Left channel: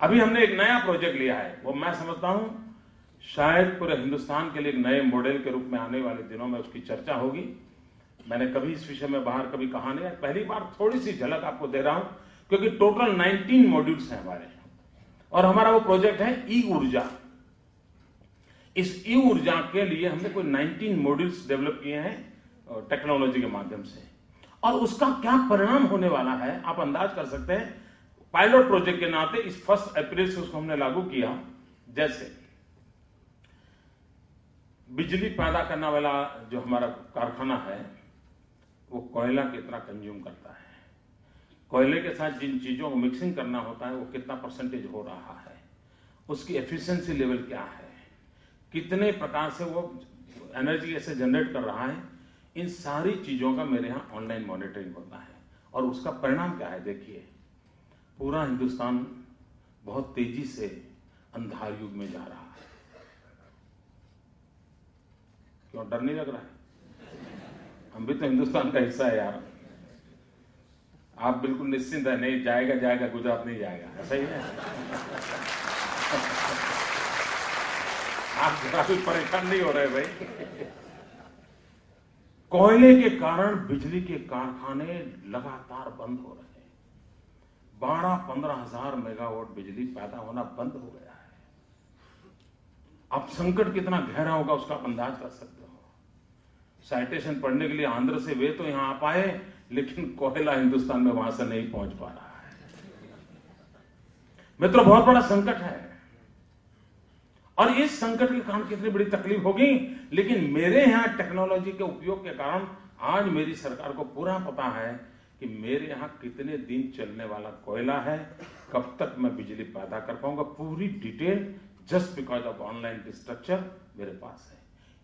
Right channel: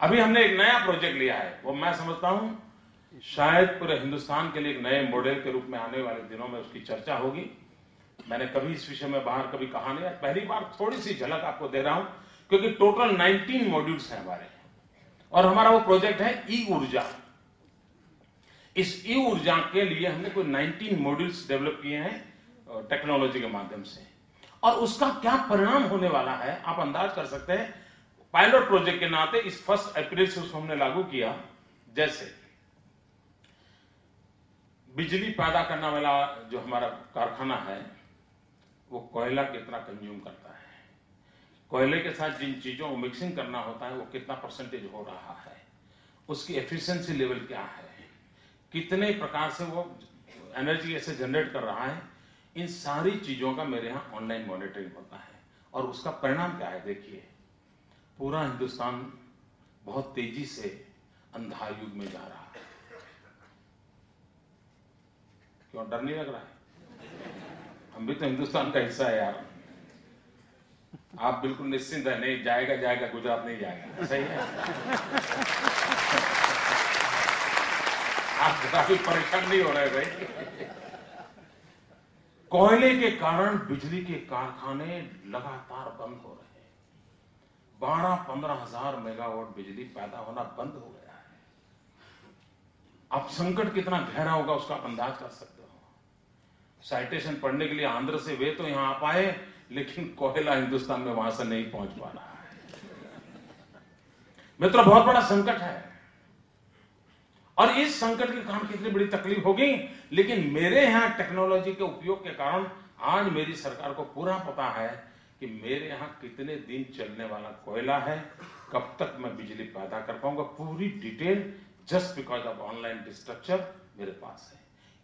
अभी हमने एक नया प्रोजेक्ट लिया है, वो मैं समझता हूं शायद पूरे हिंदुस्तान के लिए एक नए मॉडल के रूप में आने वाले दिनों में उसकी चर्चा होगी। मैंने कभी इस विषय में बाहर कभी कहा नहीं, पहली बार थोड़ी सी झलक आपको दे रहा हूं, क्योंकि टोटल 19 मॉड्यूल्स हैं हमारे, और हमारा वो प्रोजेक्ट है ई ऊर्जा। इस ई ऊर्जा के लिए हमने कोई 19 मॉड्यूल्स डेवलप किए हैं टेक्नोलॉजी के माध्यम से, और उसका क्या परिणाम होने वाला है आप अंदाज कर सकते हैं। पायलट प्रोजेक्ट के नाते इस 1 अप्रैल से उसको हमने लागू किया। जैसे बिजली पैदा करने वाला जो हमारा कारखाना है वो कोयला कितना कंज्यूम करता है, कोयले के साथ जिन चीजों को मिक्सिंग करना होता है वो कितना परसेंटेज हो रहा है, उसकी एफिशिएंसी लेवल क्या है, कितने प्रकार से वो एनर्जी कैसे जनरेट कर रहा है, इन सारी चीजों का मेरे यहाँ ऑनलाइन मॉनिटरिंग होता है। और उसका परिणाम क्या है, देखिए पूरा हिंदुस्तान बहुत तेजी से अंधा युग में जा रहा है। क्यों डर नहीं लग रहा है? हम भी तो हिंदुस्तान का हिस्सा है यार। आप बिल्कुल निश्चिंत है, नहीं जाएगा जाएगा, गुजरात नहीं जाएगा, सही है। आप काफी परेशान नहीं हो रहे भाई। कोयले के कारण बिजली के कारखाने लगातार बंद हो रहे हैं। 12-15 हजार मेगावाट बिजली पैदा होना बंद हो गया है। अब संकट कितना गहरा होगा उसका अंदाज कर सकते हो। साइटेशन पढ़ने के लिए आंध्र से वे तो यहां आ पाए, लेकिन कोयला हिंदुस्तान में वहां से नहीं पहुंच पा रहा है। मित्रों, बहुत बड़ा संकट है, और इस संकट के कारण कितनी बड़ी तकलीफ होगी, लेकिन मेरे यहां टेक्नोलॉजी के उपयोग के कारण आज मेरी सरकार को पूरा पता है कि मेरे यहां कितने दिन चलने वाला कोयला है, कब तक मैं बिजली पैदा कर पाऊंगा, पूरी detail just because of online infrastructure मेरे पास है।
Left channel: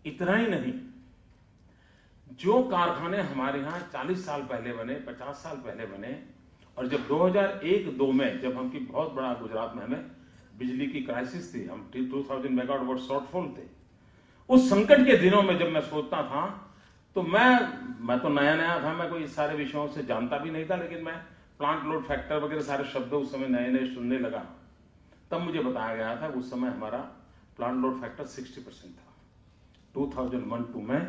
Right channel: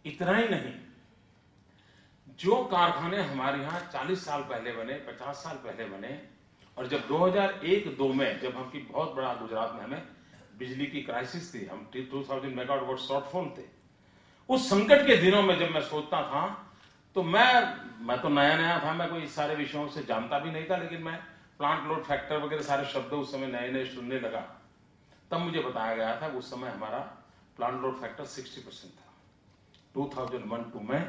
इतना ही नहीं, जो कारखाने हमारे यहाँ 40 साल पहले बने, 50 साल पहले बने, और जब 2001-2 में जब हमकी बहुत बड़ा गुजरात में हमें बिजली की क्राइसिस थी, हम 2000 मेगावाट शॉर्टफॉल थे, उस संकट के दिनों में जब मैं सोचता था तो मैं तो नया था, मैं कोई इस सारे विषयों से जानता भी नहीं था, लेकिन मैं प्लांट लोड फैक्टर वगैरह सारे शब्द उस समय नए सुनने लगा। तब मुझे बताया गया था उस समय हमारा प्लांट लोड फैक्टर 60% था। 2001-2 में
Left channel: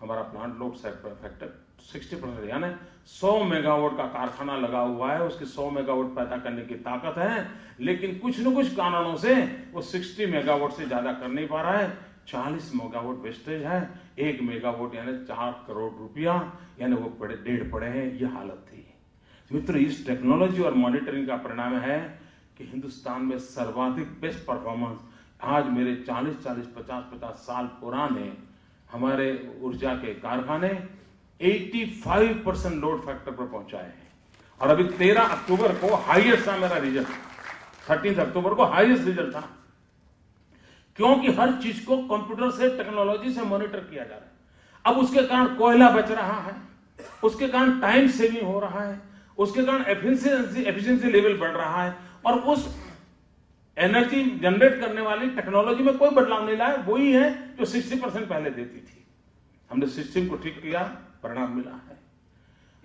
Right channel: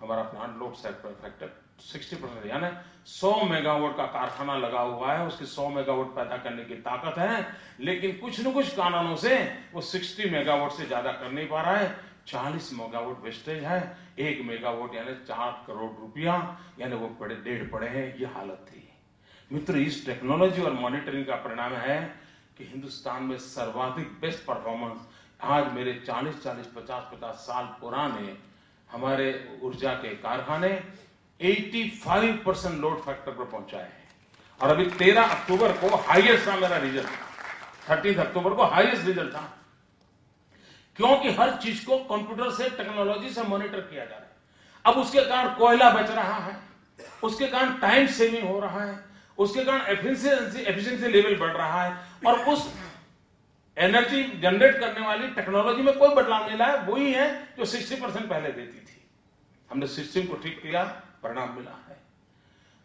हमारा प्लांट लोड फैक्टर 60%, यानी 100 मेगावाट का कारखाना लगा हुआ है, उसकी 100 मेगावाट पैदा करने की ताकत है, लेकिन कुछ न कुछ कारणों से वो 60 मेगावाट से ज्यादा कर नहीं पा रहा है। 40 मेगावाट वेस्टेज है, 1 मेगावाट यानी 4 करोड़ रुपया, यानी वो डेढ़ पड़े हैं, ये हालत थी। मित्र, इस टेक्नोलॉजी और मॉनिटरिंग का परिणाम है कि हिंदुस्तान में सर्वाधिक बेस्ट परफॉर्मेंस आज मेरे 40-50 साल पुराने हमारे ऊर्जा के कारखाने 85% लोड फैक्टर पर पहुंचाए हैं। और अभी 13 अक्टूबर को हाईएस्ट था मेरा रिजल्ट, 13 अक्टूबर को हाईएस्ट रिजल्ट था, क्योंकि हर चीज को कंप्यूटर से, टेक्नोलॉजी से मॉनिटर किया जा रहा है। अब उसके कारण कोयला बच रहा है, उसके कारण टाइम सेविंग हो रहा है, उसके कारण एफिशिएंसी लेवल बढ़ रहा है, और उस एनर्जी जनरेट करने वाली टेक्नोलॉजी में कोई बदलाव नहीं लाया, वही है जो 60% पहले देती थी। हमने सिस्टम को ठीक किया, परिणाम मिला है।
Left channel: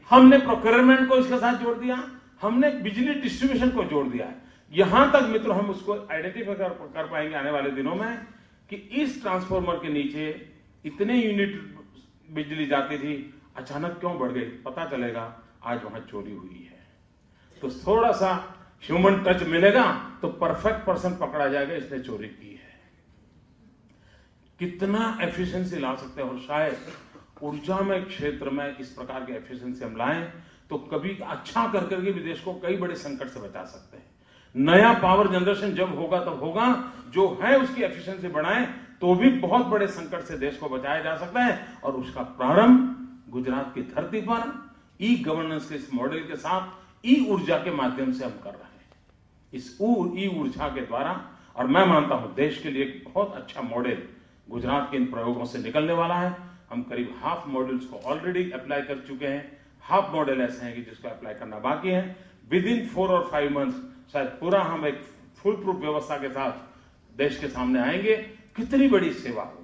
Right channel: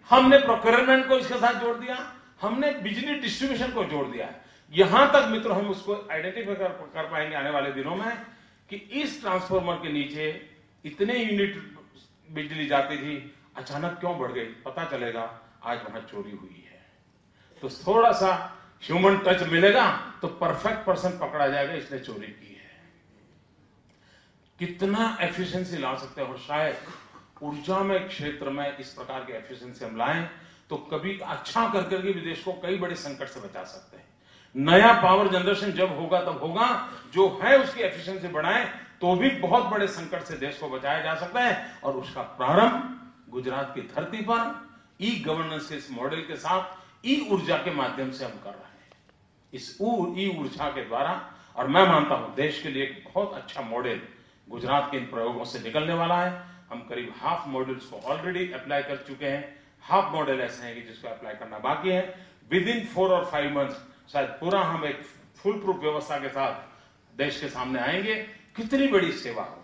हमने प्रोक्योरमेंट को इसके साथ जोड़ दिया, हमने बिजली डिस्ट्रीब्यूशन को जोड़ दिया। यहां तक मित्रों हम उसको आइडेंटिफाई कर पाएंगे आने वाले दिनों में कि इस ट्रांसफार्मर के नीचे इतने यूनिट बिजली जाती थी, अचानक क्यों बढ़ गई, पता चलेगा आज वहां चोरी हुई है। तो थोड़ा सा ह्यूमन टच मिलेगा तो परफेक्ट पर्सन पकड़ा जाएगा, इसने चोरी की है। कितना एफिशिएंसी ला सकते हैं, और शायद ऊर्जा में क्षेत्र में इस प्रकार की एफिशिएंसी हम लाएं तो कभी अच्छा करके भी देश को कई बड़े संकट से बचा सकते हैं। नया पावर जनरेशन जब होगा तब होगा, जो है उसकी एफिशिएंसी बढ़ाएं तो भी बहुत बड़े संकट से देश को बचाया जा सकता है। और उसका प्रारंभ गुजरात की धरती पर ई गवर्नेंस के इस मॉडल के साथ ई ऊर्जा के माध्यम से हम कर रहे हैं, इस ई ऊर्जा के द्वारा। और मैं मानता हूं देश के लिए एक बहुत अच्छा मॉडल गुजरात के इन प्रयोगों से निकलने वाला है। हम करीब हाफ मॉडल्स को ऑलरेडी अप्लाई कर चुके हैं, हाफ मॉडल ऐसे हैं कि जिसको अप्लाई करना बाकी है। विद इन 4 और 5 मंथ्स शायद पूरा हम एक फुल प्रूफ व्यवस्था के साथ देश के सामने आएंगे। कितनी बड़ी सेवा हो।